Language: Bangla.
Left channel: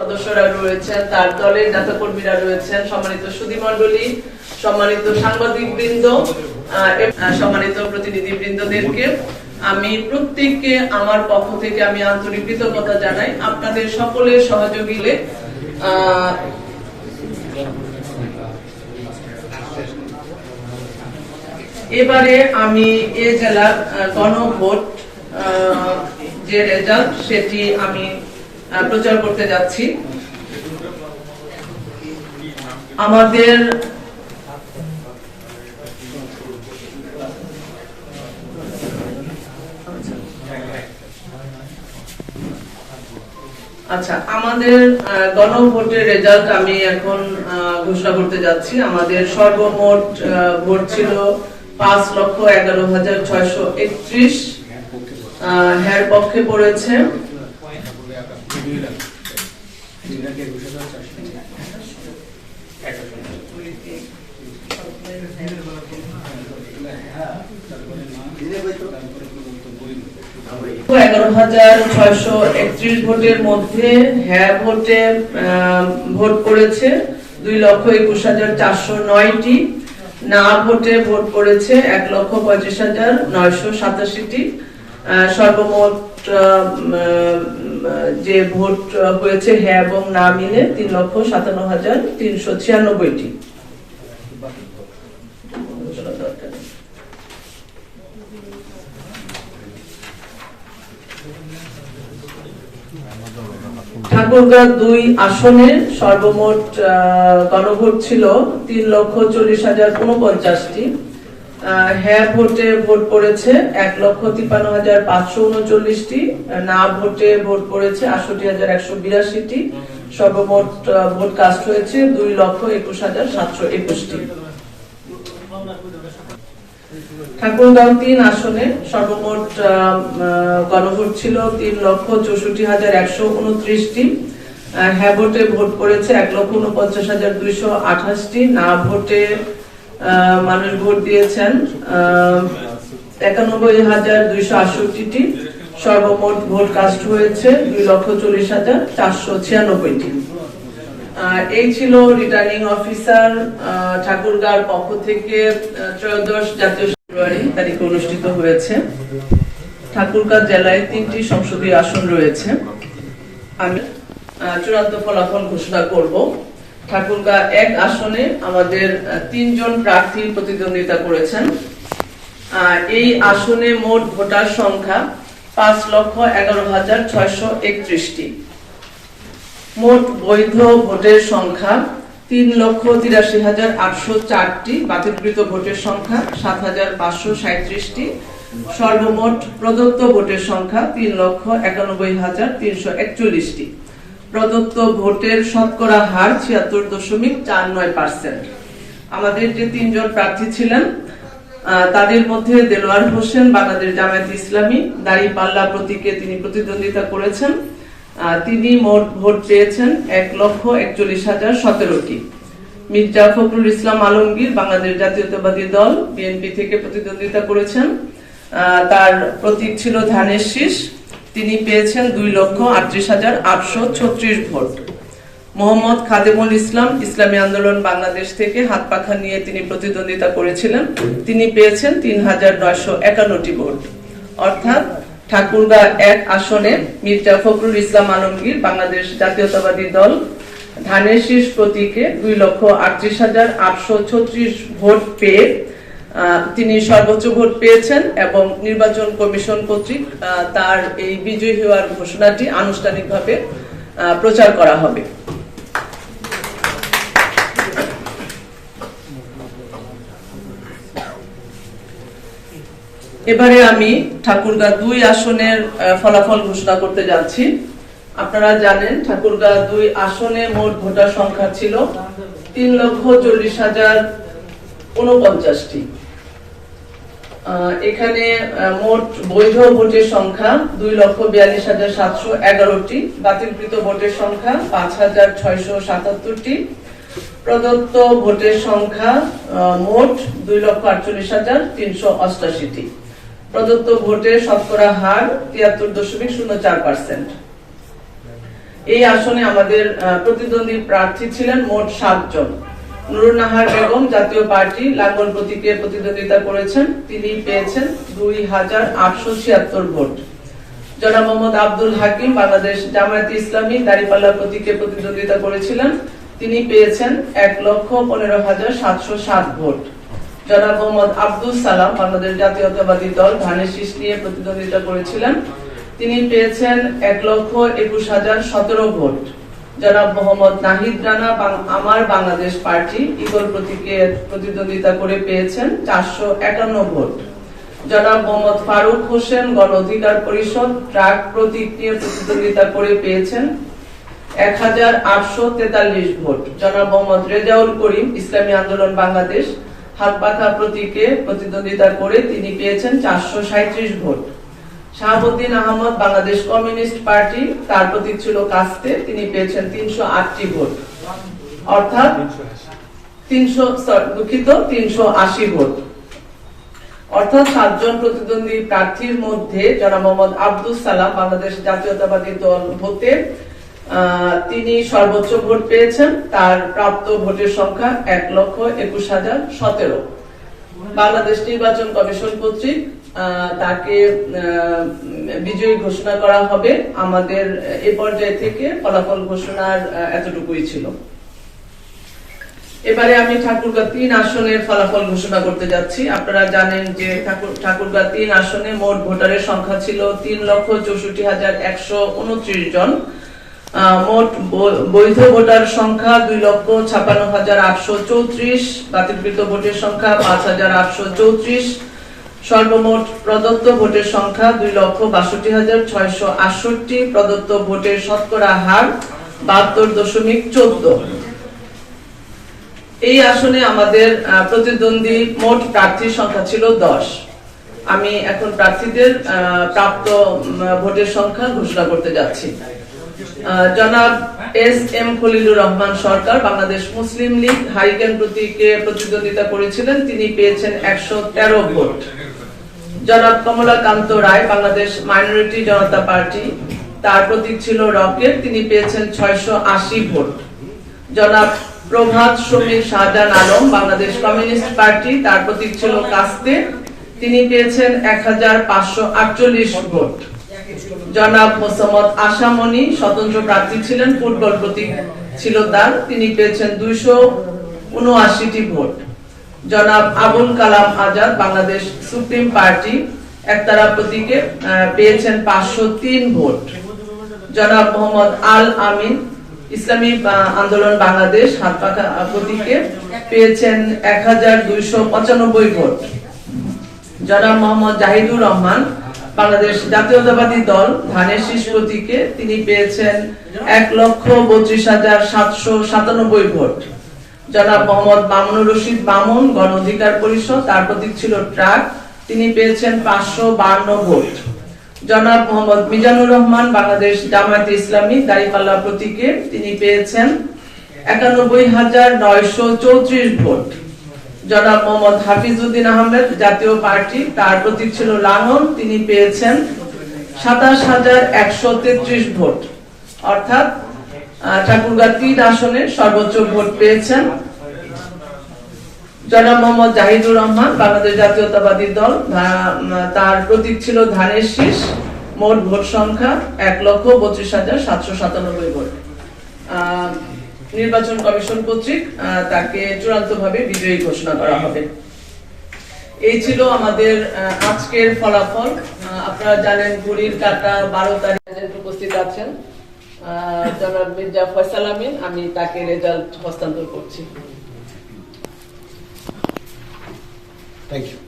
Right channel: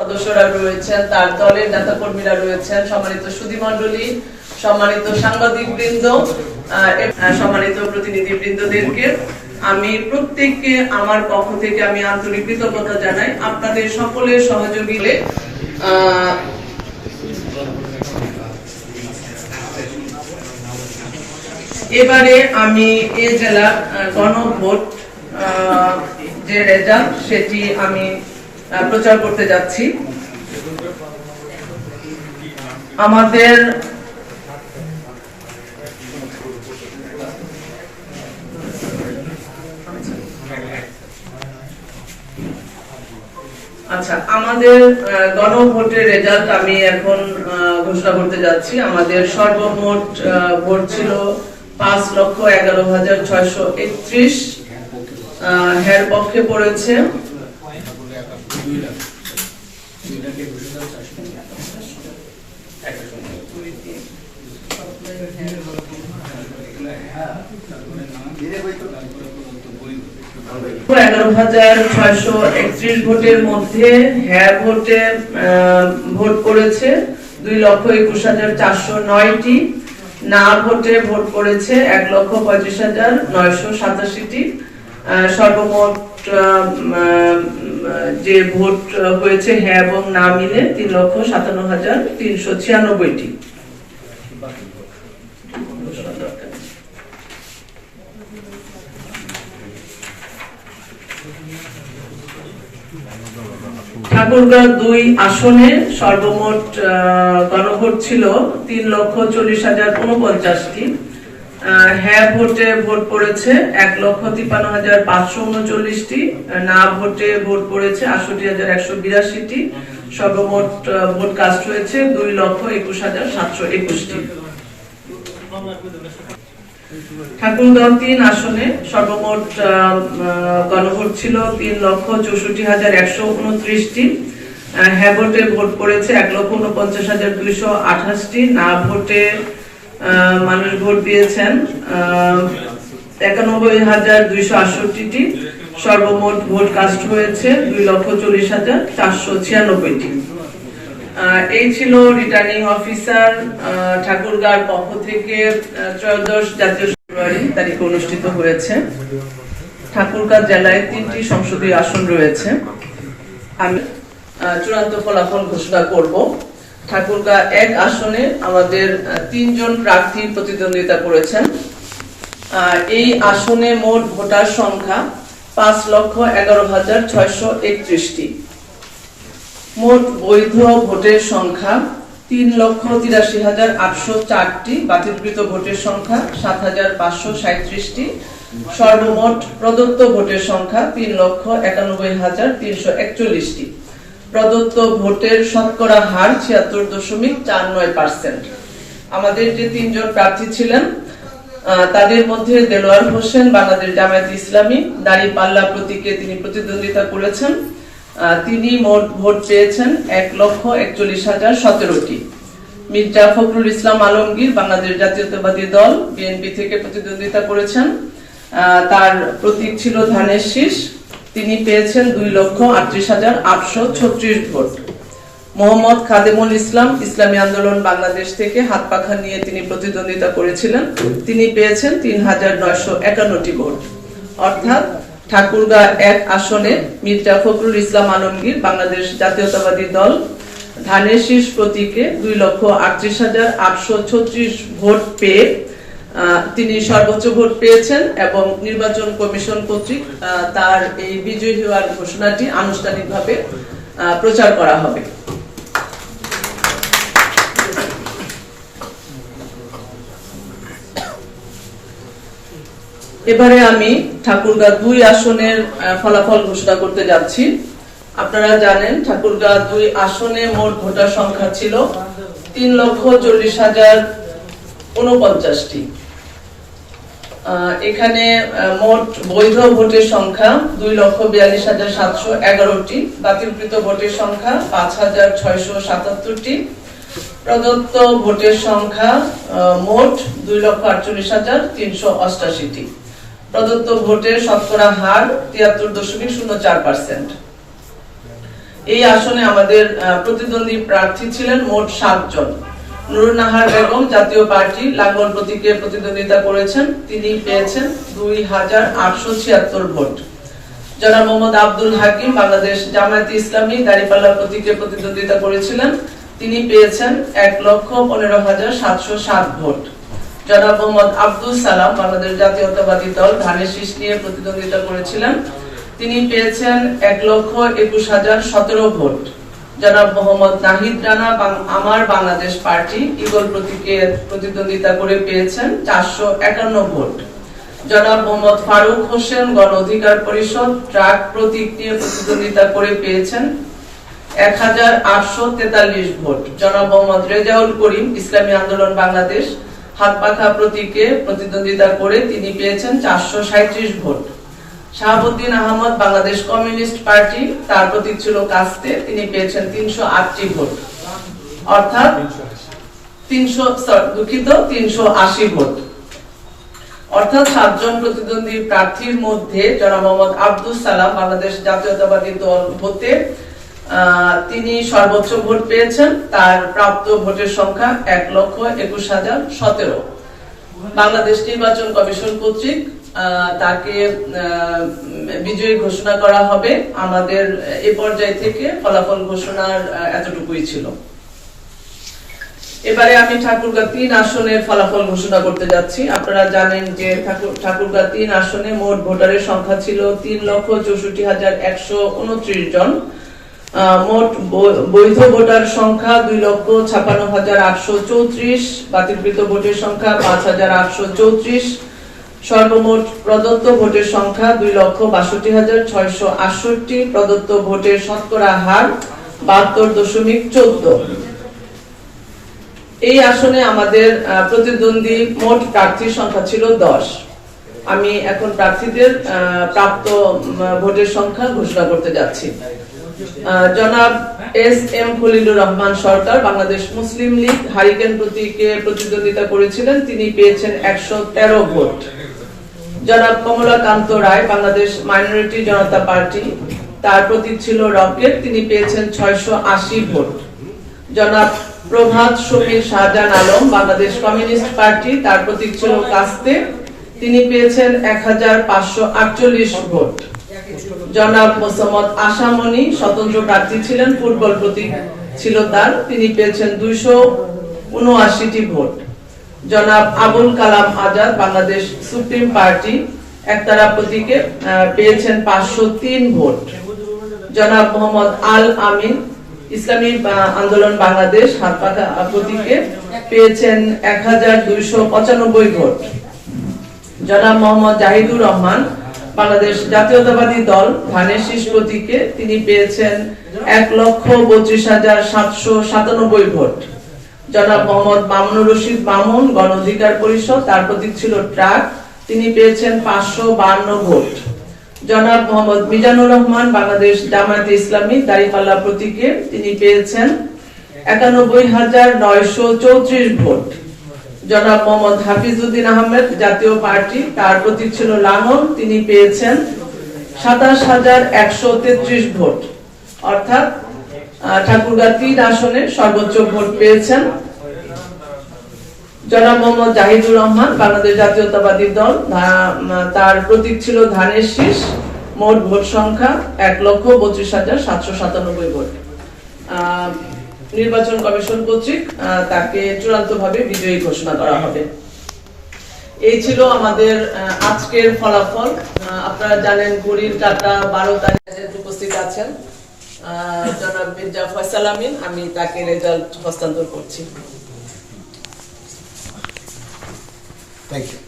সদস্যরা রয়েছেন, তার দলের নেতাকর্মীরা রয়েছেন, সম্মানিত সুধীমণ্ডলী, সম্মানিত সাংবাদিক বৃন্দ, সম্মানিত প্রতিনিধি বৃন্দদেরকে আমি প্রত্যেককে আমার পক্ষ থেকে আমি আন্তরিক কৃতজ্ঞতা জানাই আপনাদের সকলের সহযোগিতায়। এবারে আমি এ জেলার গণভোট যে রেজাল্ট সেটি আমি প্রচার করতে যাচ্ছি। আমাদের গণভোটের রেজাল্ট আমি এখন ঘোষণা করতে যাচ্ছি। আমাদের সর্বমোট ভোট ছিল 5,11,631। হ্যার পক্ষে পড়েছে 11,631 ভোটের মধ্যে হ্যাঁ ভোটে ভোট করেছে 2,21,409টি, না ভোটে ভোট করেছে 1,35,987টি। সর্বমোট যে ভোট হয়েছে হ্যাঁ এবং না মিলে 3,57,396টি। ঠাকুরগাঁও 2 আসনে সর্বমোট গণভোট ছিল 3,40,049টি। হ্যাঁ ভোটে ভোট পড়েছে 1,53,539টি, না ভোটে ভোট পড়েছে 68,182টি। সর্বমোট ভোট কাস্ট হয়েছে 2,21,721টি। ঠাকুরগাঁও 3 আসনে সর্বমোট গণভোট ছিল 3,64,129টি। হ্যাঁ ভোটে ভোট পড়েছে 1,49,228টি, না ভোটে মানুষ ভোট দিয়েছেন 91,268টি। সর্বমোট ভোট কাস্ট হয়েছে 2,40,496টি। এই ছিল রিটার্নিং অফিসার ঠাকুরগাঁওর পক্ষ থেকে ত্রয়োদশ জাতীয় ফেব্রুয়ারি তারিখে অনুষ্ঠিত হয়েছে। ঠাকুরগাঁও জেলায় 3টি সংসদীয় আসন রয়েছে। আমি চূড়ান্ত ফলাফল ঘোষণা করব। ঠাকুরগাঁও 1 আসনে আমাদের 3 জন প্রার্থী প্রতিদ্বন্দ্বিতা করেছেন। এই আসনে মোট ভোটার সংখ্যা 5,11,631টি। মোট বৈধ ভোটের সংখ্যা 3,83,804টি, বাতিলকৃত ভোটের সংখ্যা 7,537টি। সর্বমোট প্রদত্ত ভোটের সংখ্যা 3,91,341টি। প্রদত্ত ভোটের শতকরা হার 76.49%। আমাদের যে 3 জন প্রার্থী ছিলেন তাদের মধ্যে দেলোয়ার হোসেন বাংলাদেশ জামায়াতে ইসলামী দাঁড়িপাল্লা প্রতীকে তিনি প্রতিদ্বন্দ্বিতা করেছেন। তিনি মোট ভোট পেয়েছেন 1,41,017টি। মির্জা ফখরুল ইসলাম আলমগীর বাংলাদেশ জাতীয়তাবাদী দল বিএনপি থেকে প্রতিদ্বন্দ্বিতা করেছেন। তার প্রতীক ছিল ধানের শীষ, তিনি পেয়েছেন 2,38,836 ভোট। মোহাম্মদ খাদেমুল ইসলাম ইসলামী আন্দোলন বাংলাদেশ থেকে হাত পাখা নিয়ে তিনি প্রতিদ্বন্দ্বিতা করেছিলেন, তিনি পেয়েছেন 3,951টি ভোট। অর্থাৎ ঠাকুরগাঁও 1 আসনে মির্জা ফখরুল ইসলাম আলমগীর বাংলাদেশ জাতীয়তাবাদী দল ধানের শীষ প্রতীকে 2,38,836 ভোট পেয়ে তিনি সর্বোচ্চ ভোট পেয়েছেন এবং নির্বাচন কমিশন কর্তৃক তার এই বিজয়ী হওয়ার ঘোষণাটি আনুষ্ঠানিকভাবে প্রচার করা হবে। এবারে আমি ঠাকুরগাঁও 2 আসনের ফলাফল ঘোষণা করতে যাচ্ছি। আপনারা জানেন ঠাকুরগাঁও 2 আসনে মোট ভোটার সংখ্যা ছিল 3,40,049টি। এখানে মোট বৈধ ভোটের সংখ্যা 2,42,711টি, বাতিলকৃত ভোটের সংখ্যা 5,677টি। প্রদত্ত ভোটের সংখ্যা মোট 2,48,388টি। প্রদত্ত ভোটের শতকরা হার 73.04%। এই আসনে আমাদের প্রতিদ্বন্দ্বী প্রার্থী ছিলেন মোট 7 জন। নুরুন নাহার বেগম জাতীয় পার্টি লাঙ্গল প্রতীকে প্রতিদ্বন্দ্বিতা করেছেন, তিনি পেয়েছেন 2876 ভোট। জনাব মোহাম্মদ আব্দুল হাকিম বাংলাদেশ জামায়াতে ইসলামী দাঁড়িপাল্লা প্রতীকে প্রতিদ্বন্দ্বিতা করেছিলেন, তিনি পেয়েছেন 1,15,707 ভোট। জনাব মোহাম্মদ আব্দুল সালাম বাংলাদেশ জাতীয়তাবাদী দল ধানের শীষ নিয়ে প্রতিদ্বন্দ্বিতা করেছিলেন, তিনি পেয়েছেন 1,21,017 ভোট। জনাব মোহাম্মদ নাহিদ রানা আমার বাংলাদেশ পার্টি ঈগল প্রতীকে প্রতিদ্বন্দ্বিতা করে পেয়েছেন 451 ভোট। জনাব মোহাম্মদ ফারুক হোসেন গণ অধিকার পরিষদ ট্রাক প্রতীক নিয়ে প্রতিদ্বন্দ্বিতা করে পেয়েছেন 1,843 ভোট। জনাব মোহাম্মদ রেজাউল করিম ইসলামী আন্দোলন বাংলাদেশ হাতপাখা প্রতীকে প্রতিদ্বন্দ্বিতা করে তিনি পেয়েছেন 437 ভোট। শাহাবুদ্দিন আহমদ বাংলাদেশ কমিউনিস্ট পার্টি, তার প্রতীক ছিল কাস্তে, তিনি পেয়েছেন 308 ভোট, অর্থাৎ 380 ভোট। অর্থাৎ 7 জন প্রতিদ্বন্দ্বী প্রার্থীর মধ্যে জনাব মোহাম্মদ আব্দুল সালাম বাংলাদেশ জাতীয়তাবাদী দল হতে তিনি সর্বোচ্চ ভোট পেয়েছেন, তার প্রাপ্ত ভোটের সংখ্যা 1,21,017। বাংলাদেশ নির্বাচন কমিশন কর্তৃক তাকে বিজয়ী ঘোষণা করা হবে। আমাদের এ পর্যায় থেকে ফলাফল ঘোষণার এতটুকুই ছিল। এবারে আমি ঠাকুরগাঁ 3 আসনের ফলাফল ঘোষণা করতে যাচ্ছি। আপনারা জানেন যে ঠাকুরগাঁ 3 আসনে মোট ভোটারের সংখ্যা ছিল 3,64,129 জন। মোট বৈধ ভোটার সংখ্যা 2,56,834, বাতিলকৃত ভোটের সংখ্যা 5,834। সর্বমোট প্রদত্ত ভোটের সংখ্যা 2,62,668। প্রদত্ত ভোটের শতকরা হার 72.14। এই আসনে আমাদের প্রতিদ্বন্দ্বী মোট প্রার্থীর সংখ্যা ছিল 10। আমি এখন প্রার্থীদের প্রাপ্ত ভোটের সংখ্যা ঘোষণা করতে যাচ্ছি। জনাব এস.এম. খলিলুর রহমান সরকার বাংলাদেশ মুসলিম লীগ হারিকেন প্রতীকে প্রতিদ্বন্দ্বিতা করেছিলেন, তিনি পেয়েছেন 113 ভোট। জনাব কমলাকান্ত রায় বাংলাদেশ মাইনরিটি জনতা পার্টি, তার প্রতীক ছিল রকেট, তিনি পেয়েছেন 680 ভোট। জনাব প্রভাত সমীর শাহজাহান আলম বাংলাদেশ কমিউনিস্ট পার্টি, তার প্রতীক ছিল কাস্তে, তিনি পেয়েছেন 1,548 ভোট। জনাব মোসাম্মদ আশামণি স্বতন্ত্র প্রার্থী ছিলেন, ফুটবল প্রতীক ছিল তার, তিনি পেয়েছেন 279টি ভোট। জনাব আবুল কালাম আজাদ বাংলাদেশ সুপ্রিম পার্টি একতারা প্রতীকে পেয়েছেন 503 ভোট। জনাব মোহাম্মদ আল আমিন ইসলামী আন্দোলন বাংলাদেশ হাতপাখা প্রতীকে পেয়েছেন 1,295 ভোট। জনাব মোহাম্মদ জাহিদুর রহমান বাংলাদেশ জাতীয়তাবাদী দল ধানের শীষ প্রতীকে তিনি পেয়েছেন 1,32,797 ভোট। জনাব মোহাম্মদ মামুনুর রশিদ মামুন গণ অধিকার পরিষদ, তার প্রতীক ছিল ট্রাক, তিনি পেয়েছেন 552 ভোট। জনাব মোহাম্মদ মিজানুর রহমান বাংলাদেশ জামায়াতে ইসলামী দাঁড়িপাল্লা প্রতীকে তিনি পেয়েছেন 91,934 ভোট। জনাব মোহাম্মদ হাফিজউদ্দিন আহমেদ জাতীয় পার্টি, তার প্রতীক ছিল লাঙল, তিনি পেয়েছেন 27,133 ভোট। অর্থাৎ ঠাকুরগাঁ 3 আসনে সর্বোচ্চ ভোট পেয়েছেন জনাব মোহাম্মদ জাহিদুর রহমান বাংলাদেশ জাতীয়তাবাদী দল, তার প্রতীক ছিল ধানের শীষ। মোট ভোট সংখ্যা 1,32,797 ভোট। নির্বাচন কমিশন কর্তৃক তাকে চূড়ান্তভাবে বিজয়ী ঘোষণা করা হবে। এই ছিল আমাদের আজকের ফলাফল। আপনারা জানেন ঘড়ির কাঁটা 12 তারিখে উপস্থিত আছেন জনাব মির্জা ফয়সাল আমিন, আমি তাকে রেজাল্ট হস্তান্তর করছি। Thank you.